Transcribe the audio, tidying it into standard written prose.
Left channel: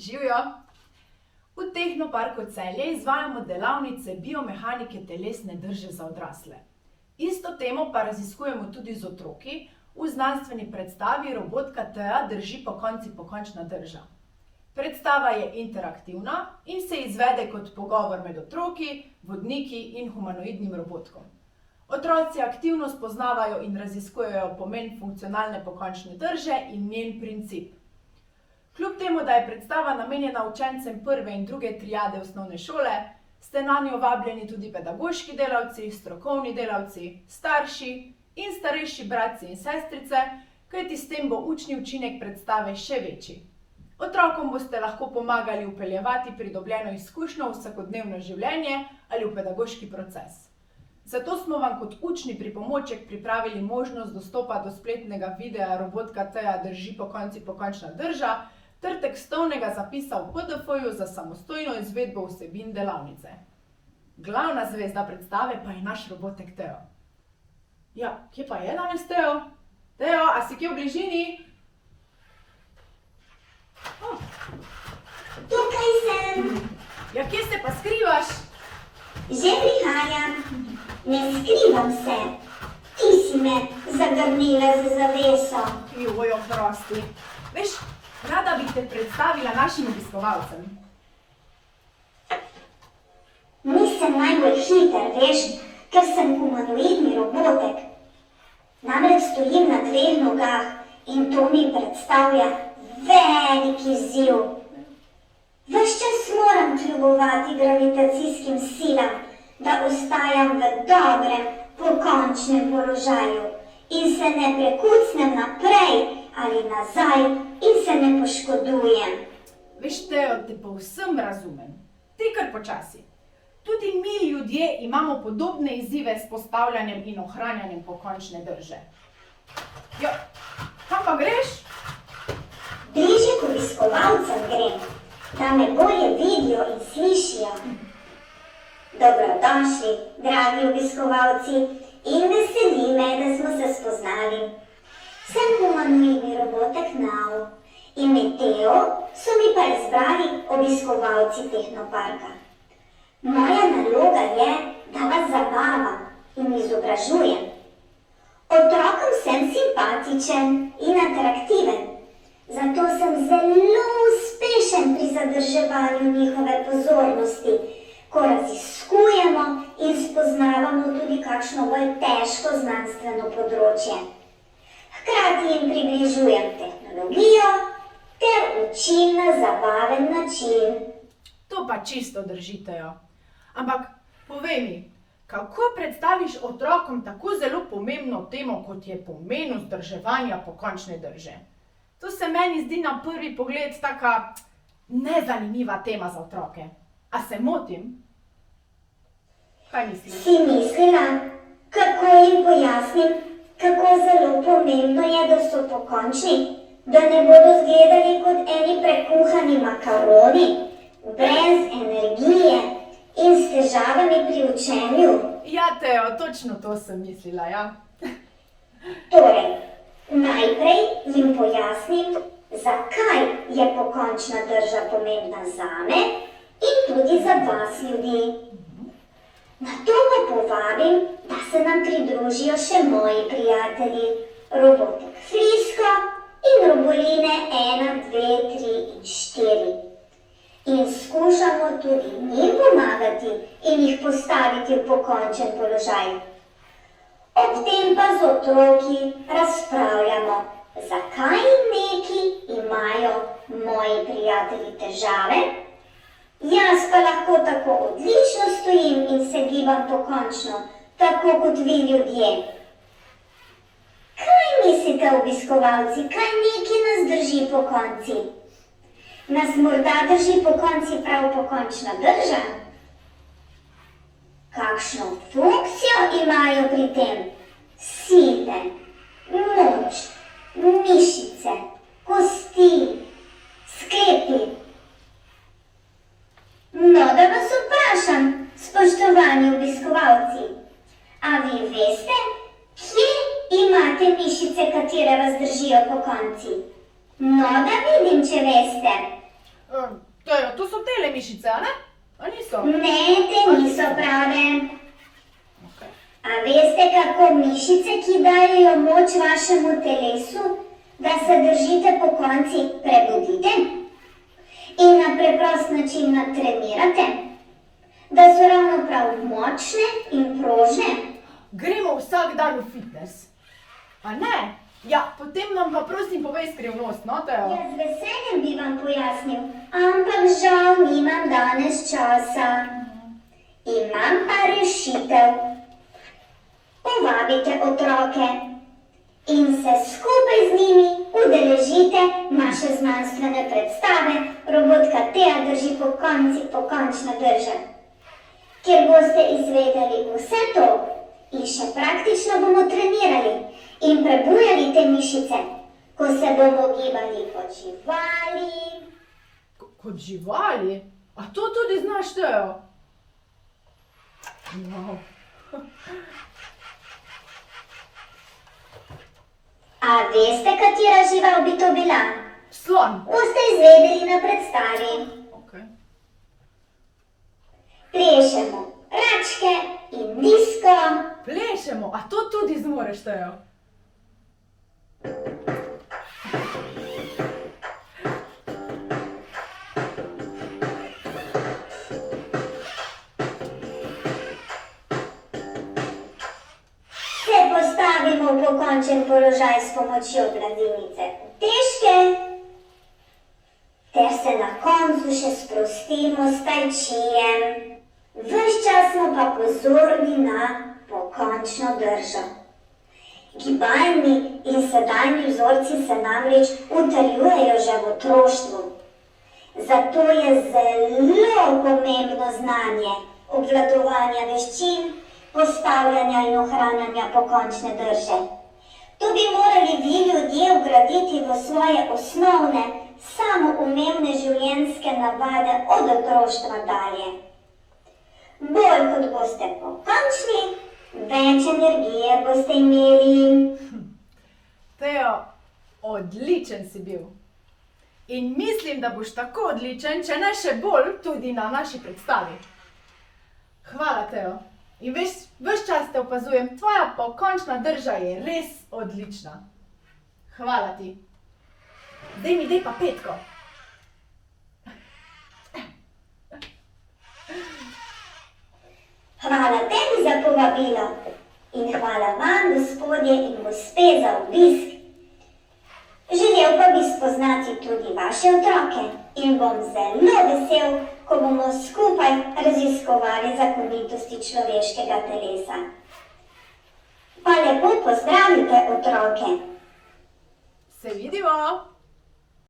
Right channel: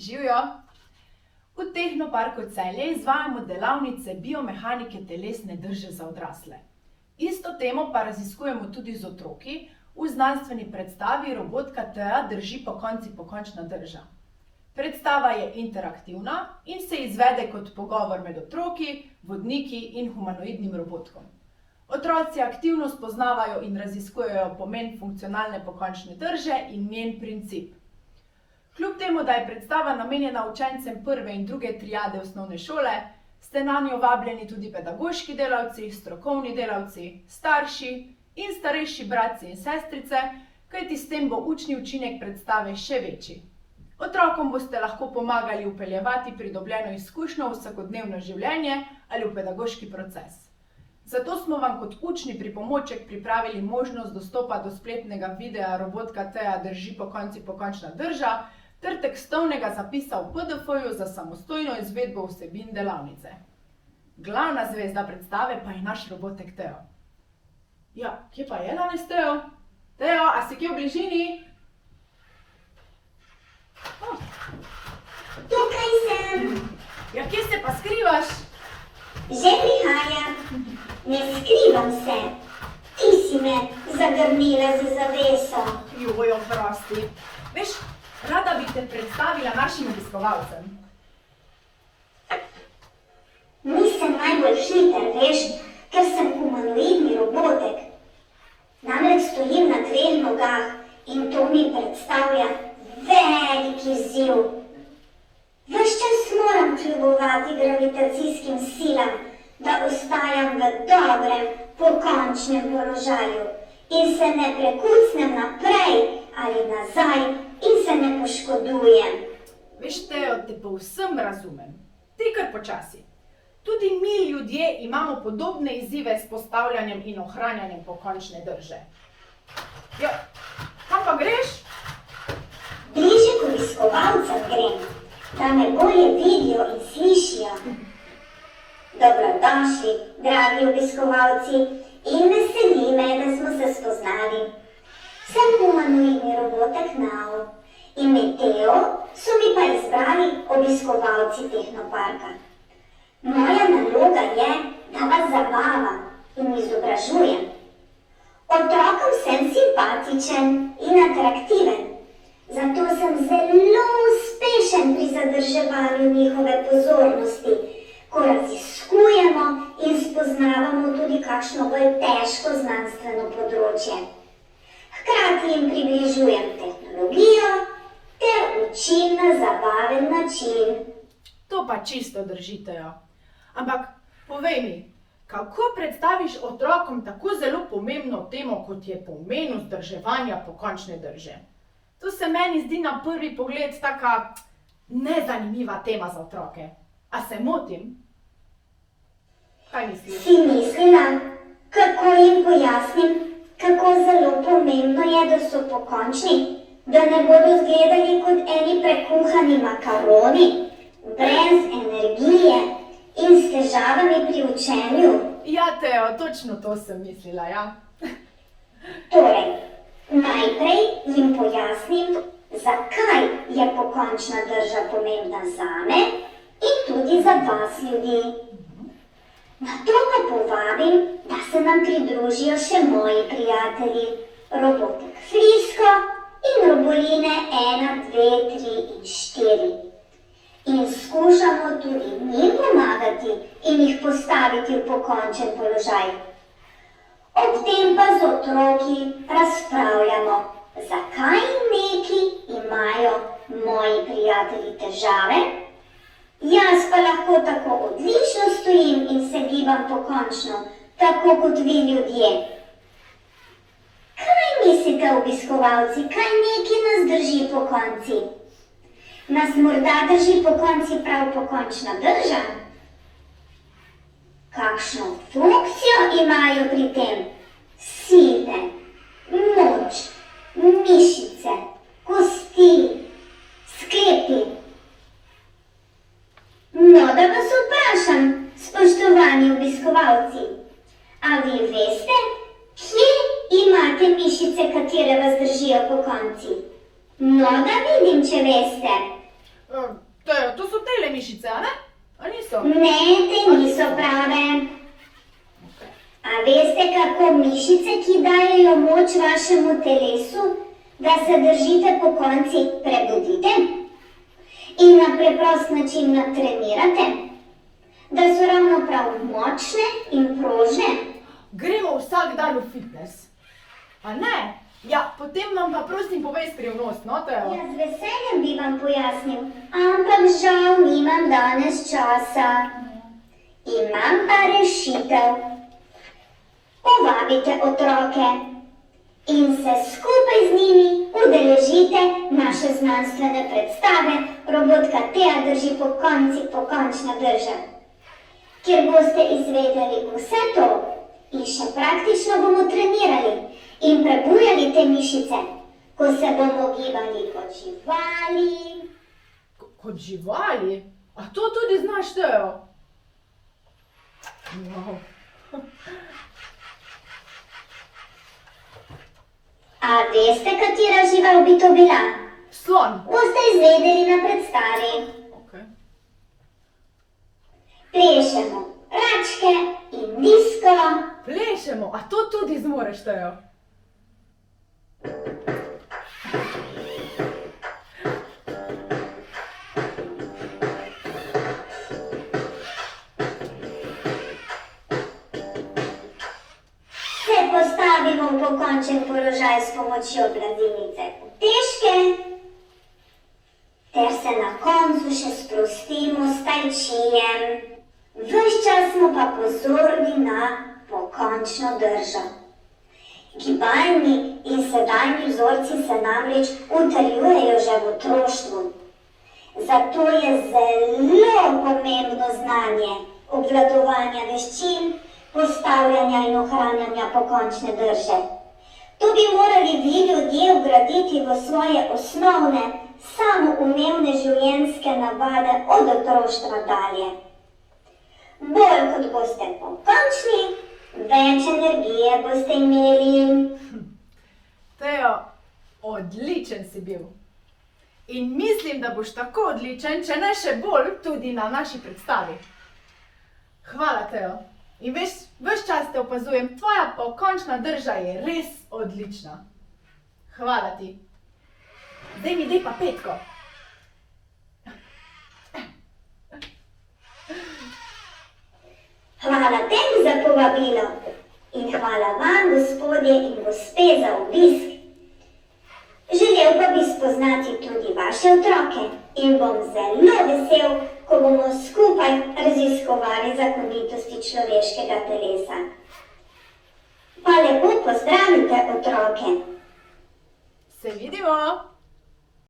Živjo! V Tehnoparku Celje izvajamo delavnice biomehanike telesne drže za odrasle. Isto temo pa raziskujemo tudi z otroki v znanstveni predstavi Robotka Thea drži pokončna drža. Predstava je interaktivna in se izvede kot pogovor med otroki, vodniki in humanoidnim robotkom. Otroci aktivno spoznavajo in raziskujejo pomen funkcionalne pokončne drže in njen princip. Kljub temu, da je predstava namenjena učencem prve in druge triade osnovne šole, ste nanjo vabljeni tudi pedagoški delavci, strokovni delavci, starši in starejši bratci in sestrice, kajti s tem bo učni učinek predstave še večji. Otrokom boste lahko pomagali vpeljevati pridobljeno izkušnjo v vsakodnevno življenje ali v pedagoški proces. Zato smo vam kot učni pripomoček pripravili možnost dostopa do spletnega videa Robotka Thea drži pokončna drža ter tekstovnega zapisa v PDF-ju za samostojno izvedbo vsebin delavnice. Glavna zvezda predstave pa je naš robotek Teo. Ja, kje pa je danes Teo? Teo, a si kje v bližini? Tukaj sem. Ja, kje se pa skrivaš? Že prihajam. Ne skrivam se. Ti si me zagrnila za zaveso. Joj, oprosti. Veš, rada bi te predstavila našim obiskovalcem. Nisem najbolj hiter, veš, ker sem humanoidni robotek. Namreč stojim na dveh nogah in to mi predstavlja velik izziv. Ves čas moram kljubovati gravitacijskim silam, da ostajam v dobrem, pokončnem položaju in se ne prekucnem naprej ali nazaj in se ne poškodujem. Veš, Teo, te povsem razumem. Ti kar počasi. Tudi mi ljudje imamo podobne izzive s postavljanjem in ohranjanjem pokončne drže. Ja, kam pa greš? Bliže k obiskovalcem grem, da me bolje vidijo in slišijo. Dobrodošli, dragi obiskovalci, in veseli me, da smo se spoznali. Sem humanoidni robotek Nao in med Teo so mi pa izbrali obiskovalci Tehnoparka. Moja naloga je, da vas zabavam in izobražujem. Otrokom sem simpatičen in atraktiven, zato sem zelo uspešen pri zadrževanju njihove pozornosti, ko raziskujemo in spoznavamo tudi kakšno bolj težko znanstveno področje. Hkrati jim približujem tehnologijo ter učim na zabaven način. To pa čisto držitejo. Ampak povej mi, kako predstaviš otrokom tako zelo pomembno temo, kot je pomen vzdrževanja pokončne drže? To se meni zdi na prvi pogled taka nezanimiva tema za otroke. A se motim? Kaj misliš? Si mislila, kako jim pojasnim, kako zelo pomembno je, da so pokončni, da ne bodo izgledali kot eni prekuhani makaroni, brez energije in s težavami pri učenju? Ja, Teo, točno to sem mislila, ja. Torej, najprej jim pojasnim, zakaj je pokončna drža pomembna zame in tudi za vas ljudi. Nato pa povabim, da se nam pridružijo še moji prijatelji, robotek Frisko in roboline 1, 2, 3 in 4. In skušamo tudi njim pomagati in jih postaviti v pokončen položaj. Ob tem pa z otroki razpravljamo, zakaj neki imajo moji prijatelji težave, jaz pa lahko tako odlično stojim in se gibam pokončno, tako kot vi ljudje. Kaj mislite, obiskovalci, kaj neki nas drži pokonci? Nas morda drži pokonci prav pokončna drža? Kakšno funkcijo imajo pri tem? Sile, moč, mišice, kosti, sklepi. No, da vas vprašam, spoštovani obiskovalci, a vi veste, kje imate mišice, katere vas držijo pokonci? No, da vidim, če veste. Teo, to so tele mišice, a ne? A niso? Ne, te niso prave. A veste, kako mišice, ki dajejo moč vašemu telesu, da se držite po konci, prebudite in na preprost način natrenirate, da so ravno prav močne in prožne? Gremo vsak dan v fitness. A ne? Ja, potem nam pa prosim povej skrivnost, no, Teo? Ja, z veseljem bi vam pojasnil, ampak žal nimam danes časa. Imam pa rešitev. Povabite otroke in se skupaj z njimi udeležite naše znanstvene predstave Robotka Tea drži pokončna drža, kjer boste izvedeli vse to in še praktično bomo trenirali in prebujali te mišice, ko se bomo gibali kot živali. Kot živali? A to tudi znaš, Teo? Wow. A veste, katera žival bi to bila? Slon. Boste izvedeli na predstavi. Okay. Plešemo račke in disko. Plešemo, a to tudi zmoreš, Teo? Se postavimo v pokončen položaj s pomočjo gladinice utežke, ter se na koncu še sprostimo s tai chijem. Ves čas smo pa pozorni na pokončno držo. Gibalni in sedajni vzorci se namreč utrjujejo že v otroštvu. Zato je zelo pomembno znanje obvladovanja veščin, postavljanja in ohranjanja pokončne drže. To bi morali vi ljudje vgraditi v svoje osnovne, samoumevne življenjske navade od otroštva dalje. Bolj kot boste pokončni, več energije boste imeli. Teo, odličen si bil. In mislim, da boš tako odličen, če ne še bolj, tudi na naši predstavi. Hvala, Teo. In ves čas te opazujem, tvoja pokončna drža je res odlična. Hvala ti. Daj mi pa petko. Hvala tebi za povabilo in hvala vam, gospodje in gospe, za obisk. Želel pa bi spoznati tudi vaše otroke in bom zelo vesel, ko bomo skupaj raziskovali zakonitosti človeškega telesa. Pa lepo pozdravite otroke. Se vidimo!